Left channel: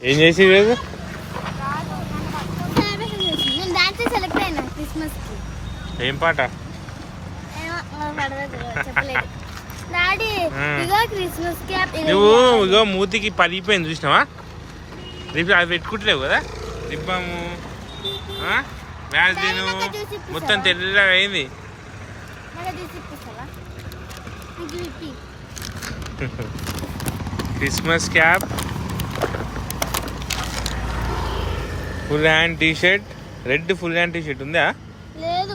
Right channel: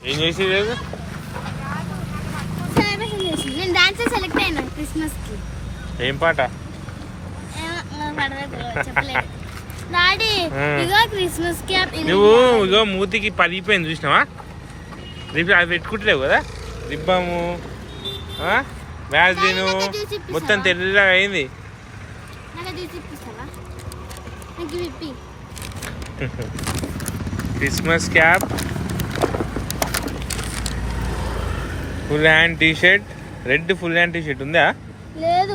ఏం చేసి ఈరోజు? సెలబ్రేషన్ చేసి నేను డాన్స్ సెలెక్ట్ అయినా క్రిస్మస్కి. ఏం పాట? డాడీ. ఇగో క్రిస్మస్కి నువ్వు ఇగో మూతికి పలిగిపోయింది చూసినావా? రిబ్ అది పెట్టుకుంటలేవు కదా? రిబ్బము వ్యాజ్లీను మొత్తం తెల్లగా అయింది. Christmas cap full hand T shirt red full hand T shirt ఉందా? లేదు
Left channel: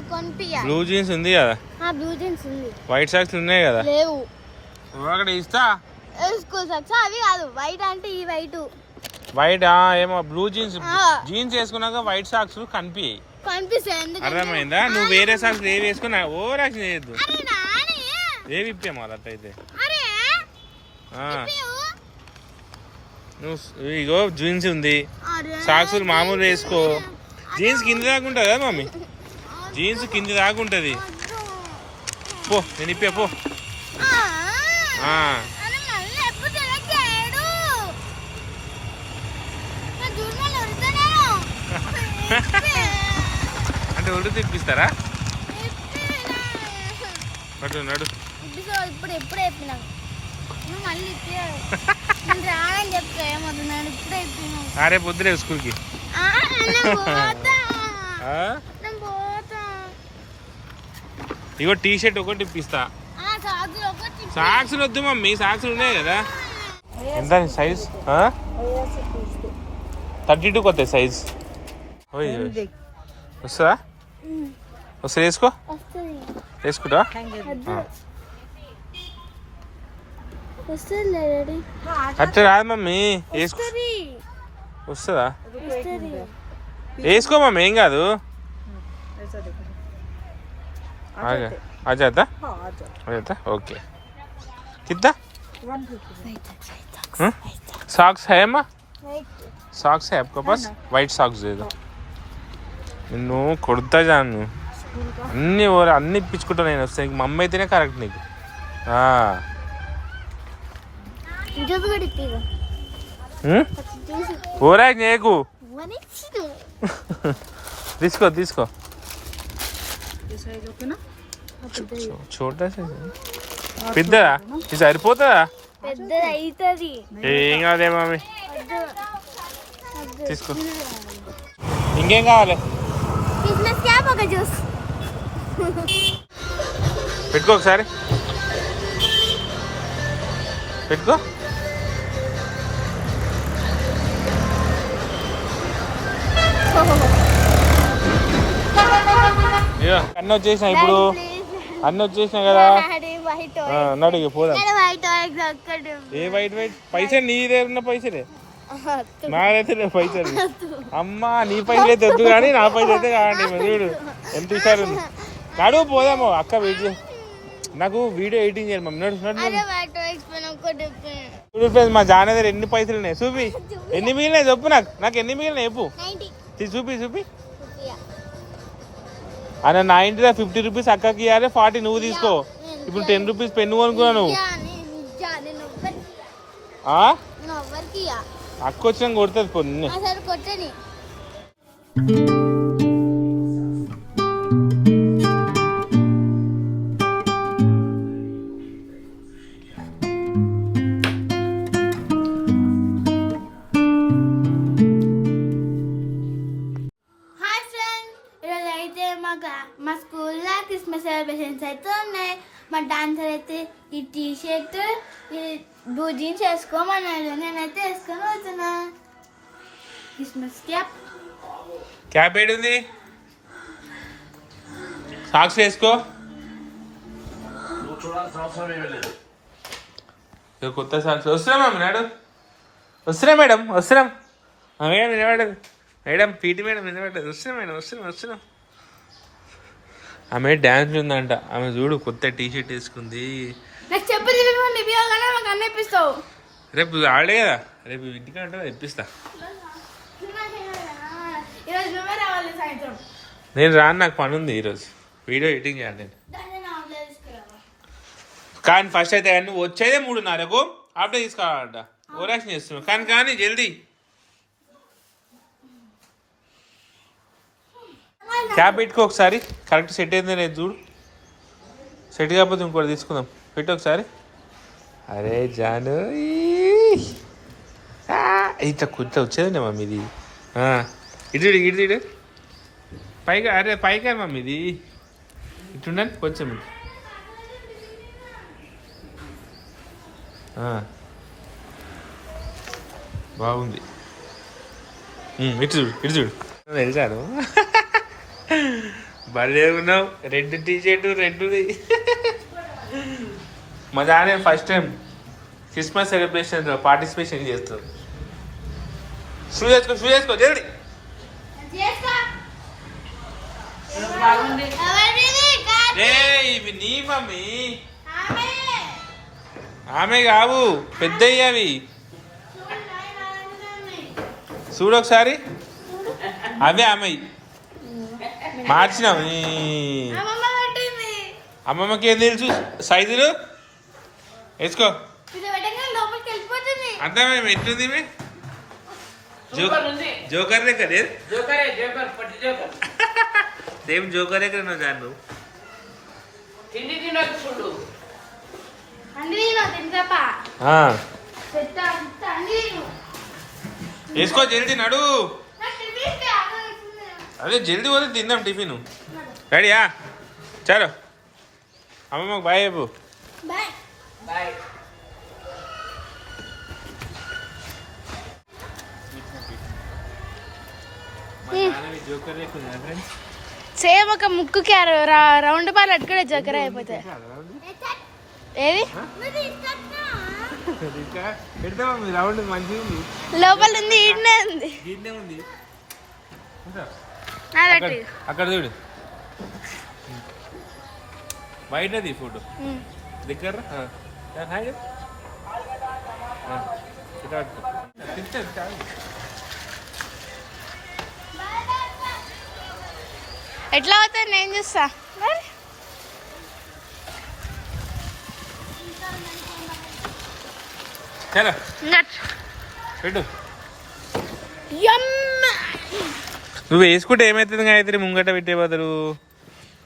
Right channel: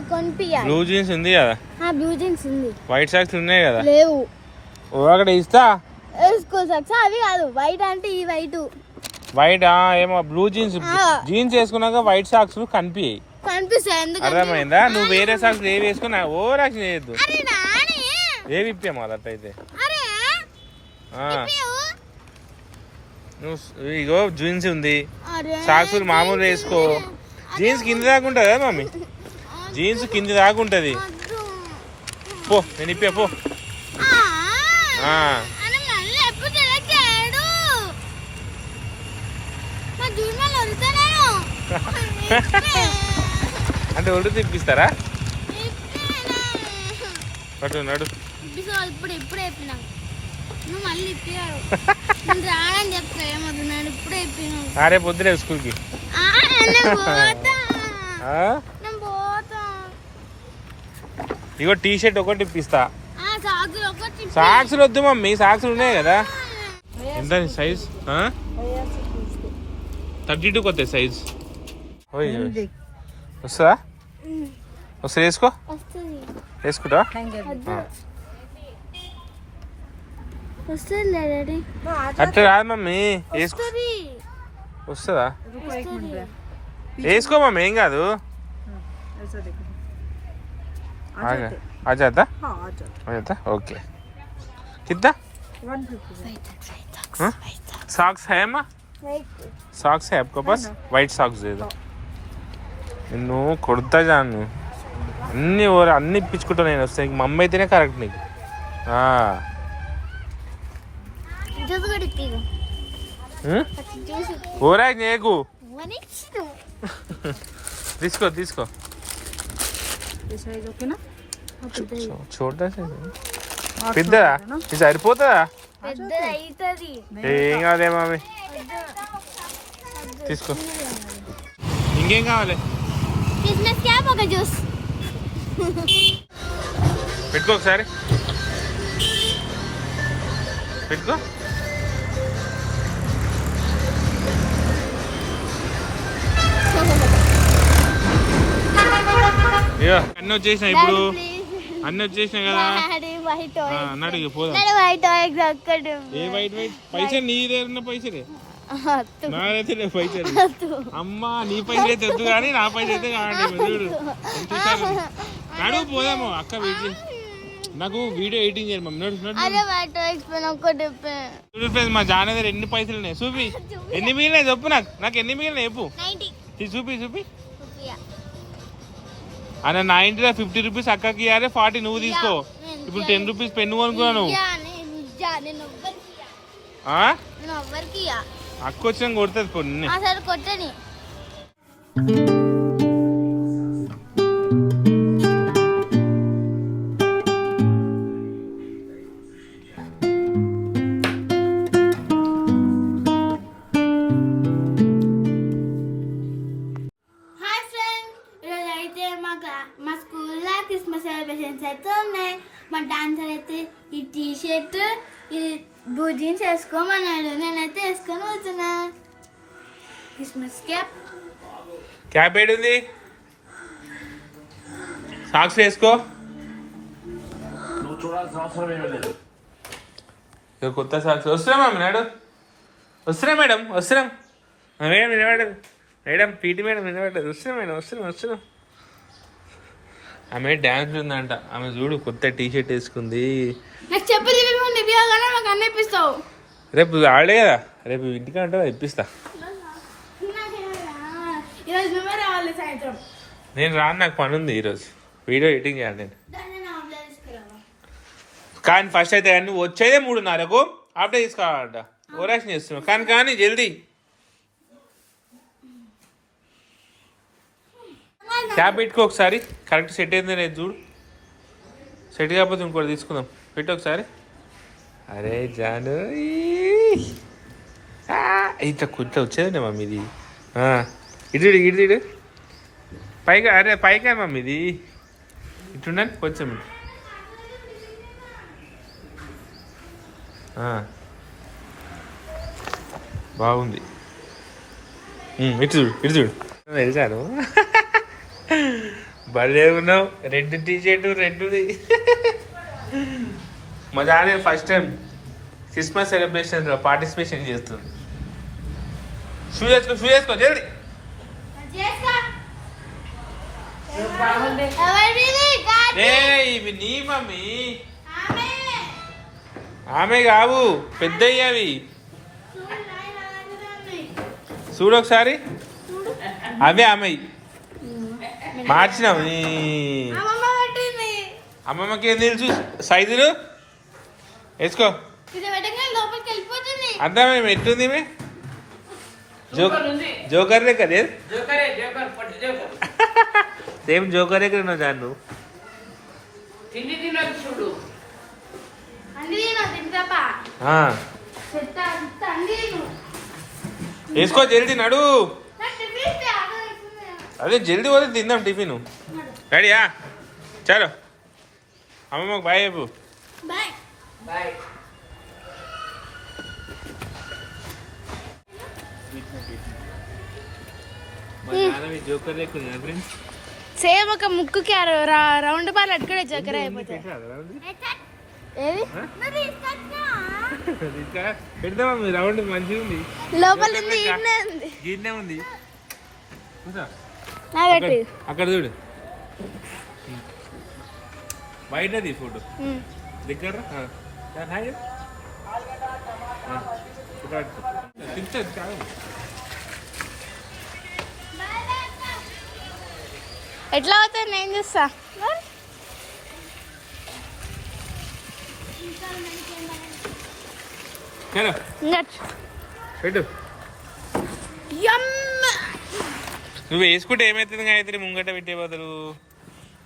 బ్లూ జీన్స్ ఉంది కదా? ఆ బ్లూ జీన్స్ ఉంది. వైట్ సాక్స్ ఉన్నాయి కదా? లేవు. ఓ అక్కడ ఇస్తా. వేసుకో సాక్స్? అవి కాదు వైట్ అంటే ఈ వైట్. వైట్ ఏమో బ్లూ జీన్స్. జీన్స్ వేసుకున్నాక వైట్ సాక్స్ కనిపించాయి అర్థమైందా? నువ్వు వేరే సాక్స్ ఏవి వేసుకున్నా ఓ రాసిన చేయొద్దు. అరే నాని. ఏవి అరే. ఆ. నువ్వు ఇగో జీన్స్ ఉంది. సాక్స్ మామూలు వేసుకో. జీన్స్ కింద కదా మమ్మీ జీన్స్ కింద వద్దు. పో నేను ఇప్పా పో. అంటే ఒళ్ళు తిప్పిస్తారా? నడు ఇప్పిస్తావు ఇప్పుడు ఎప్పుడే చెప్పినావు? మళ్ళీ ఆరే పొద్దులే స్కూల్కి. ఇగో టీ షర్ట్ ఒకటి ఇప్పిస్తా. సాక్స్లు వద్దు మమ్మీ సాక్స్లు ఉన్నాయి కదా. ఎంత సైజ్ థర్టీ టూకి వస్తాయి సైజ్ ఓయ్ వస్తుందా? వస్తుంది. వేసుకో వేసుకుంటా వస్తుంది డాడీ అట్లా రాదు మమ్మీ వేసుకో వస్తుంది వస్తుందా వస్తుంది వేసుకో మమ్మీ ఏం కాదు आगे आ जाता आ जाता ओके कितना सॉक्स है अम्मा सॉक्स है आपके पास వైట్ సాక్స్ ఏదో నిన్ను కొడతా జాను అన్ని ఓర అన్ని ఇప్పించుకుంటా నేను వస్తాయి మా అమ్మ అయితేనే కరెక్ట్ నీకు ఓరా నీకు? తీసుకో తీసుకో. చూడ. పెద్దదా? ఇది సరిపోతుందా? పెద్ద అవుతుంది ఏం కాదే మామి? తీసుకో. ఇంకేం కావాలి? పెట్టుకో ఒకసారి. పెట్టుకో. అన్నీ వచ్చేసినా ఇప్పుడు? అన్నీ వచ్చేసినా కదా? ఇక పోదాం. ఏ వైట్ వైట్ పైసలు నీ దగ్గర ఉన్న పైసలే? లేవు పైసలు. అమ్మా నీ పైసలు అయితే వద్దు కానీ నా పైసలు అయితే కావండి చూడు. ఎంత ఇచ్చారు నడు పోదాము అక్క చేయి. నాకు వీడియో ఎడిటింగ్ చేయాలి మమ్మీ. నడు నడు అదే వైట్ వేసిపోయిన ఒకటి చూడు ఫ్రెండ్స్ మా జాన దగ్గర ఎన్ని పైసలు ఉన్నాయి? చూపి. ఎన్ని మిగిలినాయి చెప్పు నాకు. నాకు ఎన్ని మిగిలినాయి చెప్పు. చూపి చూపి. అన్న నైన్టీ ఫిఫ్టీ రూపీస్ అక్కకి ఇవ్వాలి ఫార్టీ నువ్వు తీసుకో. ఇప్పుడు టెన్ రూపీస్ పెన్ను కొనుక్కున్నా నువ్వు. అక్క వచ్చిన కొడుతుంది కొన్ని. సెలబ్రేషన్స్ అయితే ఉన్నాయి మా డాన్సర్ అయితే ఈ టీ షర్ట్ ఈ బ్లూ జీన్స్ వేసుకోమన్నాడు. నేనైతే వేసుకొని పోతున్నా క్రిస్మస్ క్యాప్ క్యాప్ ఏడుంది? సాక్స్ వేసుకో. కొత్త సాక్స్ వస్తున్నా మేడం నాడు. వస్తున్నా మేడం వస్తున్నాం. మేడం వినబడదు మేడం పీటీ మేడం వినబడ్డది వస్తున్నాం మేడం వస్తున్నాం వస్తున్నాం. ఆమె డ్యాన్స్ ఉందంట. ఆమె చూడు కొత్త టీ షర్ట్ వేసుకుంది. నాకు అన్నీ ఇప్పిస్తావు. రేపు ఆడే కదా. రేపు ఇంటికి అంటే ఇప్పిస్తా. నేను రాను నాకు పని ఉంది ఈరోజు. వీడియో ఎడిటింగ్ చేయాలి నేను. కానీ ఫస్ట్ అయితే నువ్వు వచ్చేదే మూడున్నరకు అప్పుడే తీసుకోవాలంట ఓరాక్షన్ చేస్తున్నావు. కానీ కానీ జల్దీ. క్యాప్ పెట్టుకో ఒకసారి. కరెక్ట్ సెట్ అయింది లేదు చూడు. సెట్ కాకపోతే ఇంకోటి తీసుకుందాం. పెట్టు ఒకసారి. అరే జాను ఇట్లా కుట్ల వచ్చేదండి మమ్మీ ఇది? ఆ, ఇటు ఇటు, ఇటు ఇటు పైగా అరే పైగా మమ్మీ ఇది. ఇటుండండి కొంచెం. బాగుంది. ఇటు చూడు ఇటు చూడు. తెలుసాను. భలే ఉన్నావు. రెడ్ టీ షర్ట్ రెడ్ది. మా దానే first time Christmas celebration participation చేస్తుంది. షూ చేసుకో షూ చేసుకో జల్ది ఏ ఇవి నీ మమ్మీ. ఆమె. కావు పెద్దవి అవి. చూడు, ఒకసారి. అవే ఆమె మార్చినావు నీ అమ్మమ్మకి ఏం తెలుసు? సైజులు? వేసుకో. అర్థమే ఎట్లుంది జోకర్ లెక్క లేదు? సేమ్ జోకర్ లెక్క ఉన్నావు దాన్ని నేను వేసుకో జల్దీ నడు నాకు టిఫిన్ ఇస్తే ఆకలి వేస్తుంది. అదే జల్దీ పోతే తిందాం టిఫిన్. రెడీయా చలో. అమ్మమ్మకు బాయ్ చెప్పు. జోకర్ సేమ్ ఒక ముక్కుకి ఆ రౌండ్ బాల్ అట్టుకునే జగ్గర అయిపోతాయి. ఏది పెడతామా మీ రౌండ్? మంచిగా ఉంది లోపల ఉంది. ఉంది. ఉంది అక్కడ- చూడు. బయటది ఫోటో. దగ్గర ఎట్లా అవుతుంది? నేను చూస్తా. చలో. పెట్టు. నువ్వు వేసుకుంటే ఏమవుతుంది గాయత్రి? ముంగట పెట్టే బదులు.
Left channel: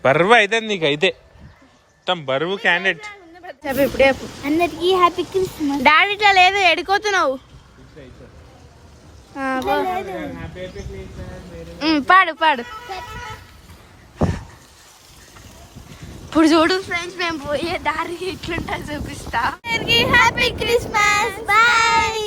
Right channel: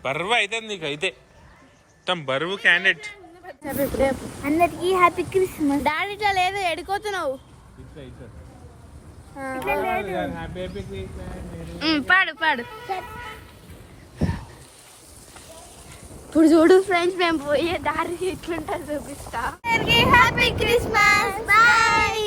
బరువు అవుతుంది నీకు అయితే. మొత్తం బరువు క్యాండిడేట్. అందరికీ హ్యాపీ క్రిస్మస్. డాడీ ఇట్లా లేదు ఎడుకోతున్నావు. ఆ, ఉమ్, పాడు పాడు. ఇప్పుడు చూడు ఫ్రెండ్స్ మేము పోయే దారి ఎట్లుంటా చూపిస్తా. Happy Christmas. బాయ్.